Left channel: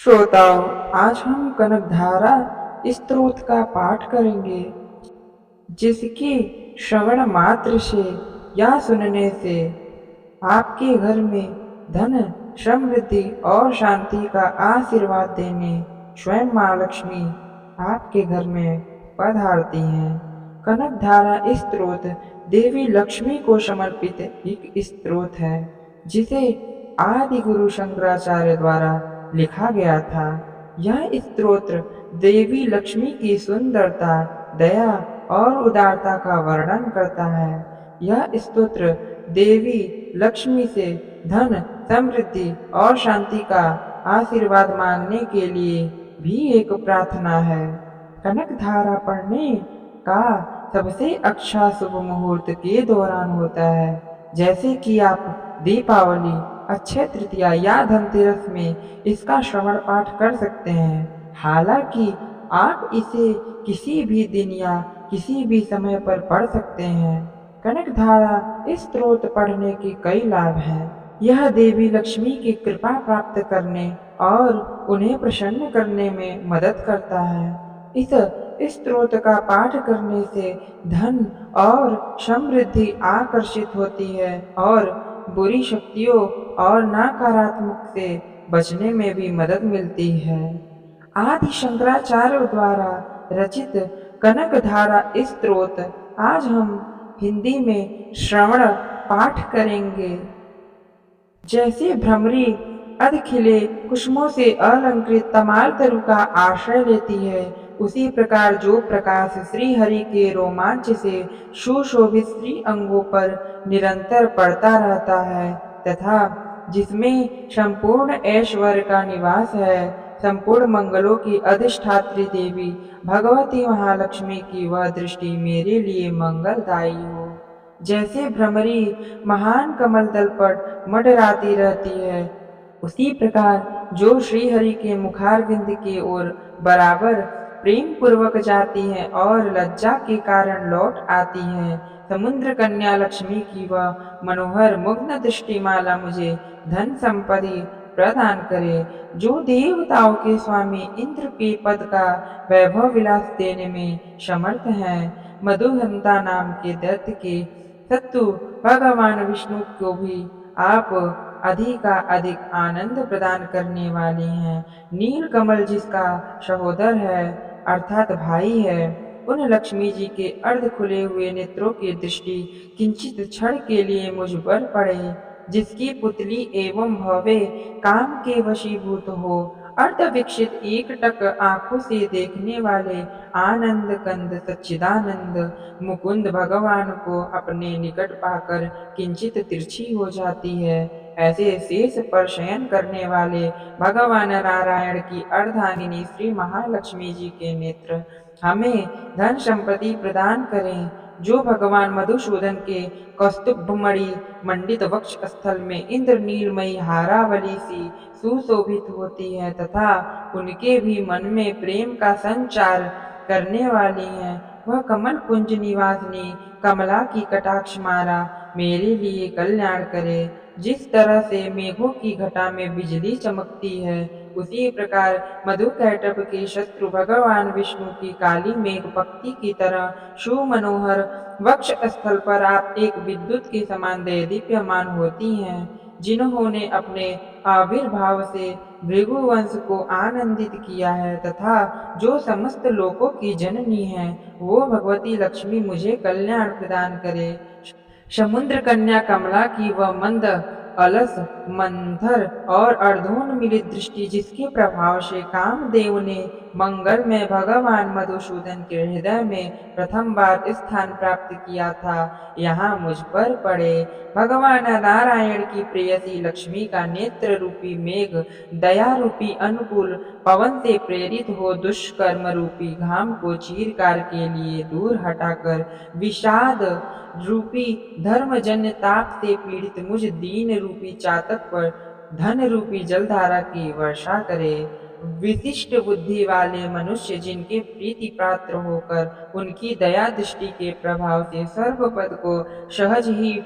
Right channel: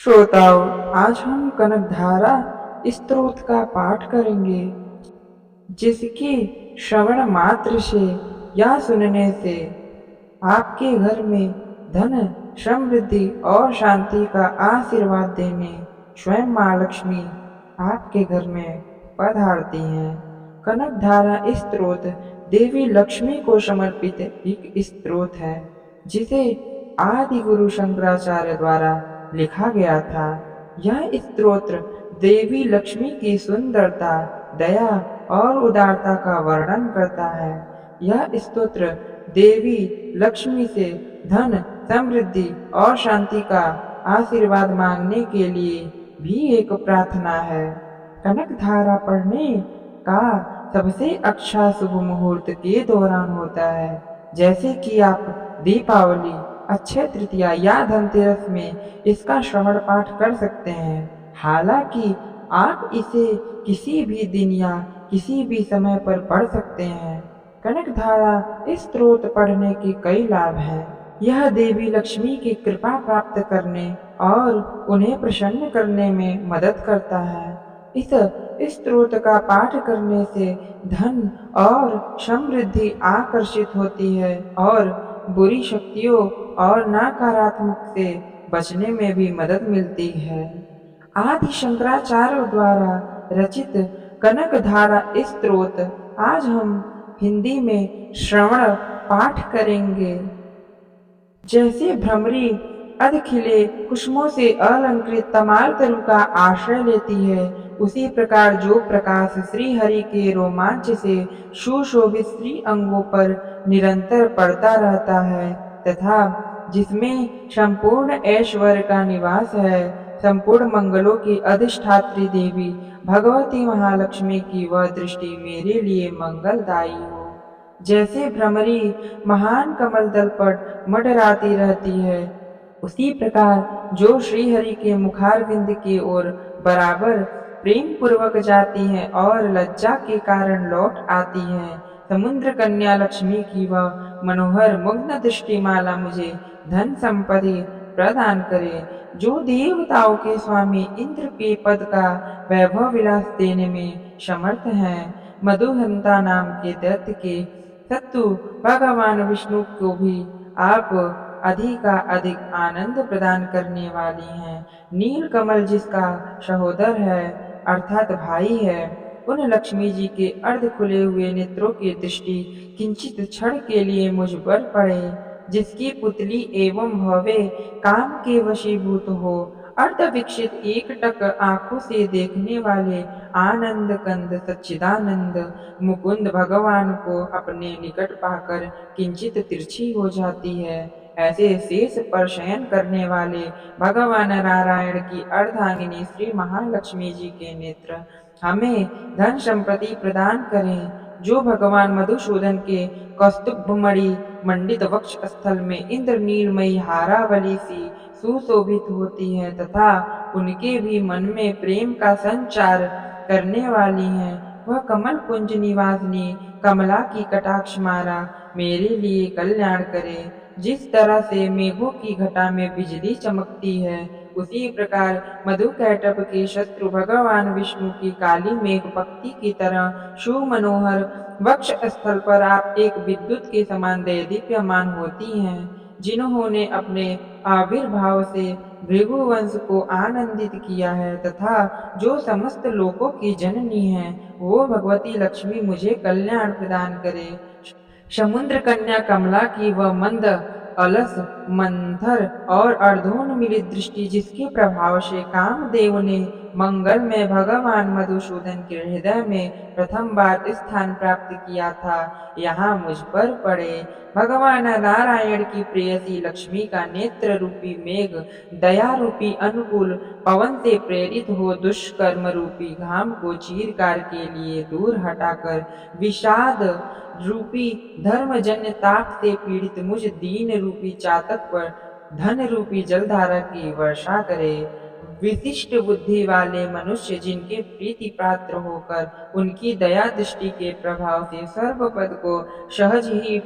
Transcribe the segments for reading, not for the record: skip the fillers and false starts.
श्रोताओं, आज हम कनकधारा स्तोत्र का पाठ करेंगे, जिसकी श्रवण मात्र से या सुनने से आपके घर में धन, समृद्धि और शांति का आशीर्वाद देने स्वयं माँ लक्ष्मी आपके घर में पधारती हैं। कनकधारा स्तोत्र देवी लक्ष्मी को समर्पित एक स्तोत्र है, जिसे आदि गुरु शंकराचार्य द्वारा लिखा गया था। यह स्तोत्र देवी लक्ष्मी की सुंदरता, दया और उदारता का वर्णन करता है। यह स्तोत्र देवी लक्ष्मी से धन, समृद्धि और शांति का आशीर्वाद मांगने के लिए भी एक प्रार्थना है। कनकधारा पढ़ने का सबसे अच्छा शुभ मुहूर्त के दौरान होता है, जैसे कि आप दीपावली, अक्षय तृतीया या धनतेरस में इसका श्रवण पाठ कर सकते हैं। हालांकि आप इसे किसी भी दिन या किसी भी समय पर पढ़ सकते हैं। कनकधारा स्तोत्र पढ़ने के कई लाभ हैं। यह देवी लक्ष्मी की कृपा प्राप्त करने और उन्हें प्रसन्न करने में मदद करता है। इस स्तोत्र का पाठ करने से धन और समृद्धि आकर्षित होती है और बुरी शक्तियों और नकारात्मक से बचने में भी मदद मिलती है। आदि शंकराचार्य द्वारा रचित कनकधारा स्तोत्र आज हम हिंदी में श्रवण पाठ करेंगे। जैसे भ्रमरी अध खिले कुसुमों से अलंकृत तमाल तरु का आश्रय लेती है, उसी प्रकार जो प्रकाश श्री हरि के रोमांच से सुशोभित श्री अंगों पर निरंतर पड़ता रहता है तथा जिसमें संपूर्ण ऐश्वर्य का निवास है, संपूर्ण मंगलों की अधिष्ठात्री देवी भगवती महालक्ष्मी की वह दृष्टि मेरे लिए मंगलदायी हो। जैसे भ्रमरी महान कमल दल पर मंडराती रहती है, उसी प्रकार जो श्रीहरि के मुखारविंद की ओर बराबर प्रेम पूर्वक जाती है और लज्जा के कारण लौट आती है, समुद्र कन्या लक्ष्मी की वह मनोहर मुग्ध दृष्टिमाला मुझे धन संपत्ति प्रदान करे। जो देवताओं के स्वामी इंद्र के पद का वैभव विलास देने में समर्थ हैं, मधुहंता नाम के दैत्य के शत्रु भगवान विष्णु को भी आप अधिक आनंद प्रदान करने वाली हैं। नील कमल जिसका सहोदर है अर्थात भाई है, उन लक्ष्मी जी के अर्ध खुले हुए नेत्रों की दृष्टि किंचित क्षण के लिए मुझ पर पड़े, जिसकी पुतली एवं भवे काम के वशीभूत हो। अर्ध विकसित एकटक आंखों से देखने वाले आनंद कंद सच्चिदानंद मुकुंद भगवान को अपने निकट पाकर किंचित तिरछी हो जाती है। ऐसे शेष पर शयन करने वाले भगवान नारायण की अर्धांगिनी श्री महालक्ष्मी जी के नेत्र हमें धन संपत्ति प्रदान करें। जो भगवान मधुसूदन के कौस्तुभमणि मंडित वक्ष स्थल में इंद्रनीलमयी हारावली सी सुशोभित होती है तथा उनके भी मन में प्रेम का संचार करने वाली है, वह कमल कुंज निवासिनी कमला की कटाक्ष मारा मेरे लिए कल्याण करे। जिस तरह से मेघों की घटा में बिजली चमकती है, उसी प्रकार मधुकैटभ के शत्रु भगवान विष्णु की काली मेघ पक्ति की तरह सुमनोहर वक्ष स्थल पर आप एक विद्युत के समान दीप्यमान होती हैं। जिन्होंने अपने आविर्भाव से भृगुवंश को आनंदित किया है तथा जो समस्त लोकों की जननी है, वो भगवती लक्ष्मी मुझे कल्याण प्रदान करे। समुद्र कन्या कमला की वह मंद अलस मंथर और अर्धोन्मिलित दृष्टि जिसके प्रभाव से कामदेव ने मंगल में भगवान मधुसूदन के हृदय में प्रथम बार स्थान प्राप्त किया था, यहाँ मुझ पर पड़े। भगवान नारायण की प्रेयसी लक्ष्मी का नेत्र रूपी मेघ दया रूपी अनुकूल पवन से प्रेरित हो दुष्कर्म रूपी घाम को चीरकार के लिए दूर हटाकर विषाद रूपी धर्मजन्य ताप से पीड़ित मुझ दीन रूपी चातक पर धन रूपी जलधारा की वर्षा करे। विशिष्ट बुद्धि वाले मनुष्य जिनके प्रीति पात्र होकर उनकी दया दृष्टि के प्रभाव से सर्वपद को सहज ही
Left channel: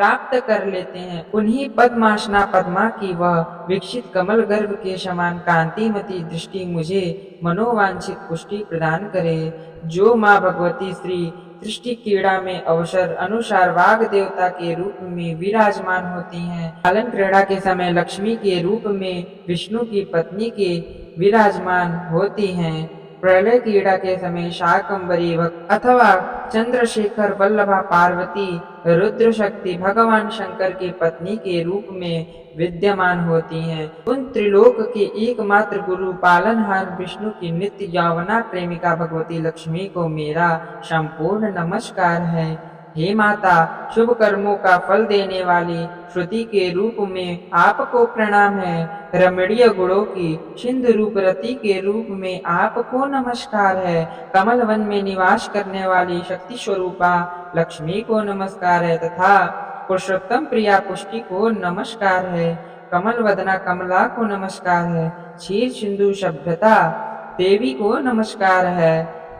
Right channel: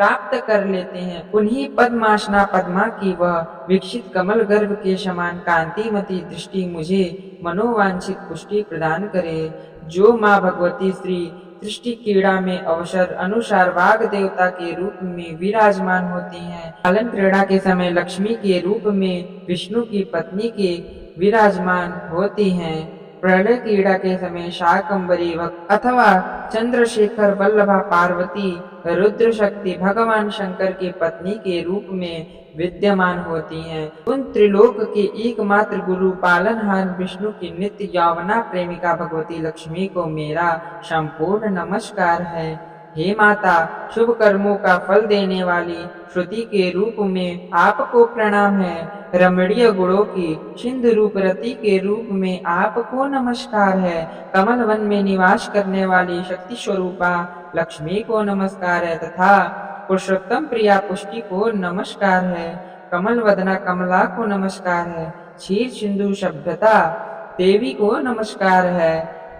प्राप्त कर लेते हैं। उन्हीं पद्मासना पद्मा की वह विकसित कमल गर्भ के समान कांतिमती दृष्टि मुझे मनोवांछित पुष्टि प्रदान करे। जो माँ भगवती श्री सृष्टि क्रीड़ा में अवसर अनुसार वाग देवता के रूप में विराजमान होती हैं, पालन क्रीड़ा के समय लक्ष्मी के रूप में विष्णु की पत्नी के विराजमान होती हैं, प्रलय क्रीड़ा के समय शाकंभरी भक्त अथवा चंद्रशेखर वल्लभा पार्वती रुद्र शक्ति भगवान शंकर की पत्नी के रूप में विद्यमान होती हैं। उन त्रिलोक के एकमात्र गुरु पालनहार विष्णु की नित्य यौवना प्रेमिका भगवती लक्ष्मी को मेरा संपूर्ण नमस्कार है। हे माता, शुभ कर्मों का फल देने वाली श्रुति के रूप में आपको प्रणाम है। रमणीय गुणों की सिंधु रूप रति के रूप में आपको नमस्कार है। कमल वन में निवास करने वाली शक्ति स्वरूपा लक्ष्मी को नमस्कार है तथा पुरुषोत्तम प्रिया पुष्टि को नमस्कार है। कमल वदना कमला को नमस्कार है। क्षीर सिंधु सभ्यता देवी को नमस्कार है।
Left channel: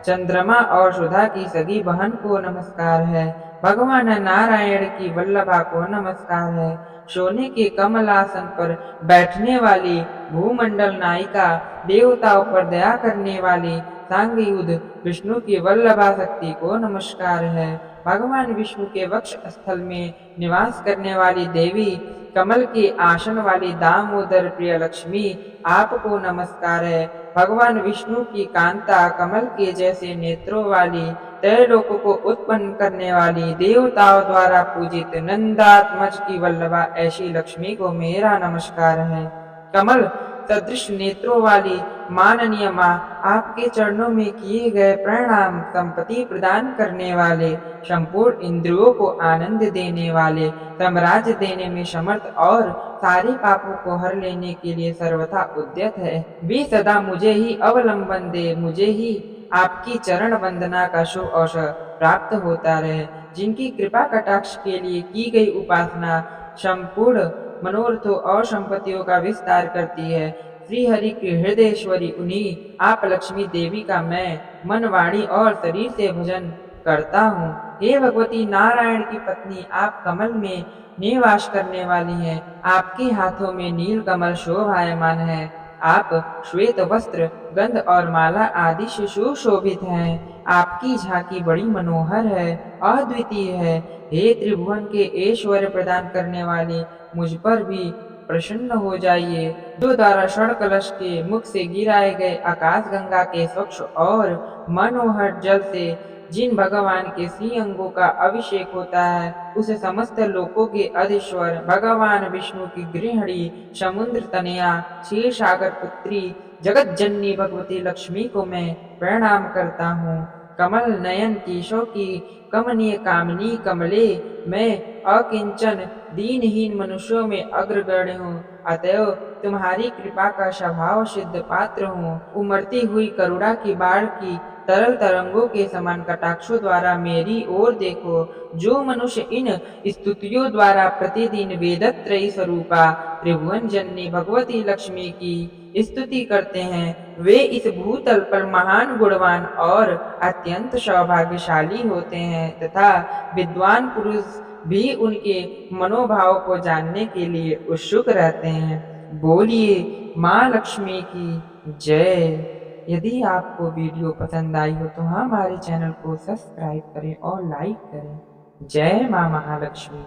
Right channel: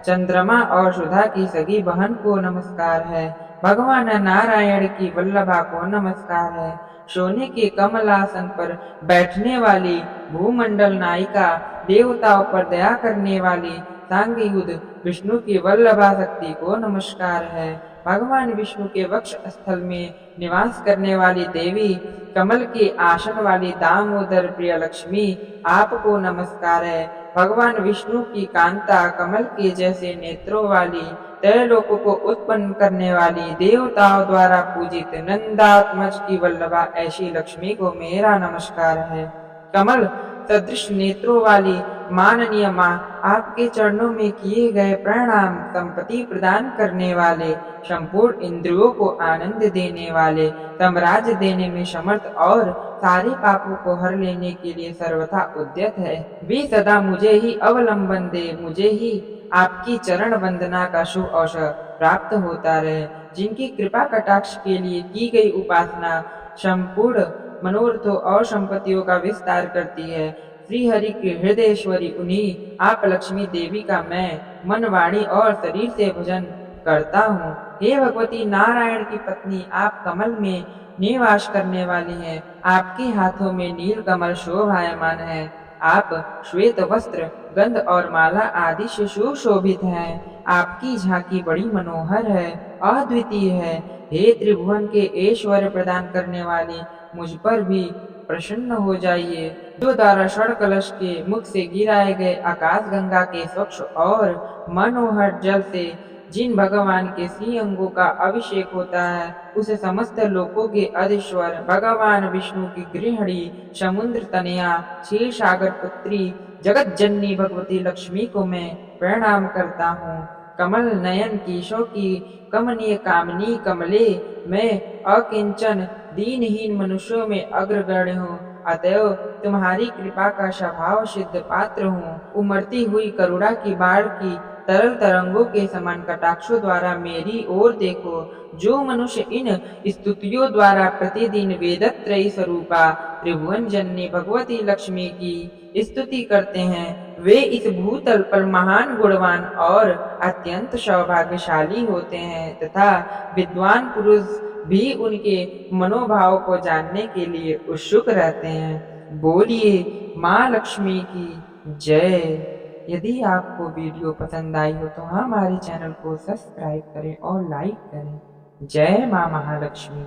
चंद्रमा और सुधा की सगी बहन को नमस्कार है। भगवान नारायण की वल्लभा को नमस्कार है। सोने के कमलासन पर बैठने वाली भूमंडल नायिका देवताओं पर दया करने वाली सांगयुध विष्णु की वल्लभा शक्ति को नमस्कार है। भगवान विष्णु के वक्ष स्थल में निवास करने वाली देवी कमल के आसन वाली दामोदर प्रिय लक्ष्मी आपको नमस्कार है। भगवान विष्णु की कांता कमल के जैसे नेत्रों वाली त्रैलोक को उत्पन्न करने वाली देवताओं द्वारा पूजित नंदात्मज की वल्लभा ऐसी लक्ष्मी को मेरा नमस्कार है। कमल सदृश नेत्रों वाली माननीय माँ, आपके चरणों में किए गए प्रणाम। संपत्ति प्रदान करने वाले, संपूर्ण इंद्रियों को आनंद देने वाले, साम्राज्य देने में समर्थ और सारे पापों को हर लेने के लिए सर्वथा उद्यत है। वे सदा मुझे ही अवलंबन दे, मुझे ही आपकी चरण वंदना का शुभ अवसर प्राप्त होता रहे। जिनकी कृपा कटाक्ष के लिए की गई उपासना संपूर्ण मनोरथों और संपत्तियों का विस्तार करती है। श्री हरि की हृदयेश्वरी उन्हीं आप लक्ष्मी देवी का मैं मन, वाणी और शरीर से भजन करता हूँ। हे भगवती नारायण की पत्नी, आप कमल में निवास करने वाली हैं। आपके हाथों में नील कमल शोभायमान है। आप श्वेत वस्त्र, गंध और माला आदि से सुशोभित हैं। आपकी झांकी बड़ी मनोहर है, अद्वितीय है। हे त्रिभुवन के ऐश्वर्य प्रदान करने वाली, मुझ पर भी प्रसन्न हो जाइए। जो द्वारा स्वर्ण कलश के मुख से गिराए गए आकाश गंगा के स्वच्छ और मनोहर जल से जिन भगवान के श्री अंगों का अभिषेक होता है, उसे समस्त लोकों के अधीश्वर भगवान विष्णु की गृहिणी, समुद्र तनया, क्षीर सागर पुत्री, जगत जननी भगवती लक्ष्मी को मैं प्रणाम करता हूँ। कमल नयन केशों की कमनीय कामनी कमले, मैं अकिंचन दीनहीन मनुष्यों में अग्रगण्य हूँ। अतएव तुम्हारी कृपा का स्वभाव सिद्ध पात्र हूँ। उमड़ती हुई करुणा की बाढ़ की तरल तरंगों के समान कटाक्षों द्वारा मेरी ओर देखो। जो मनुष्य इन स्तुतियों द्वारा प्रतिदिन वेदत्रयी स्वरूपा त्रिभुवन जननी भगवती लक्ष्मी की स्तुति करते हैं, वे इस भूतल पर महान गुणवान और अत्यंत सौभाग्यशाली होते हैं तथा विद्वान पुरुष भी उनके मनोभाव को जानने के लिए उत्सुक रहते हैं। बोलिए माँ लक्ष्मी की जय। यदि आपको वीडियो पसंद आई हो तो हमारे चैनल को सब्सक्राइब करें और लाइक करें। जय माँ महालक्ष्मी।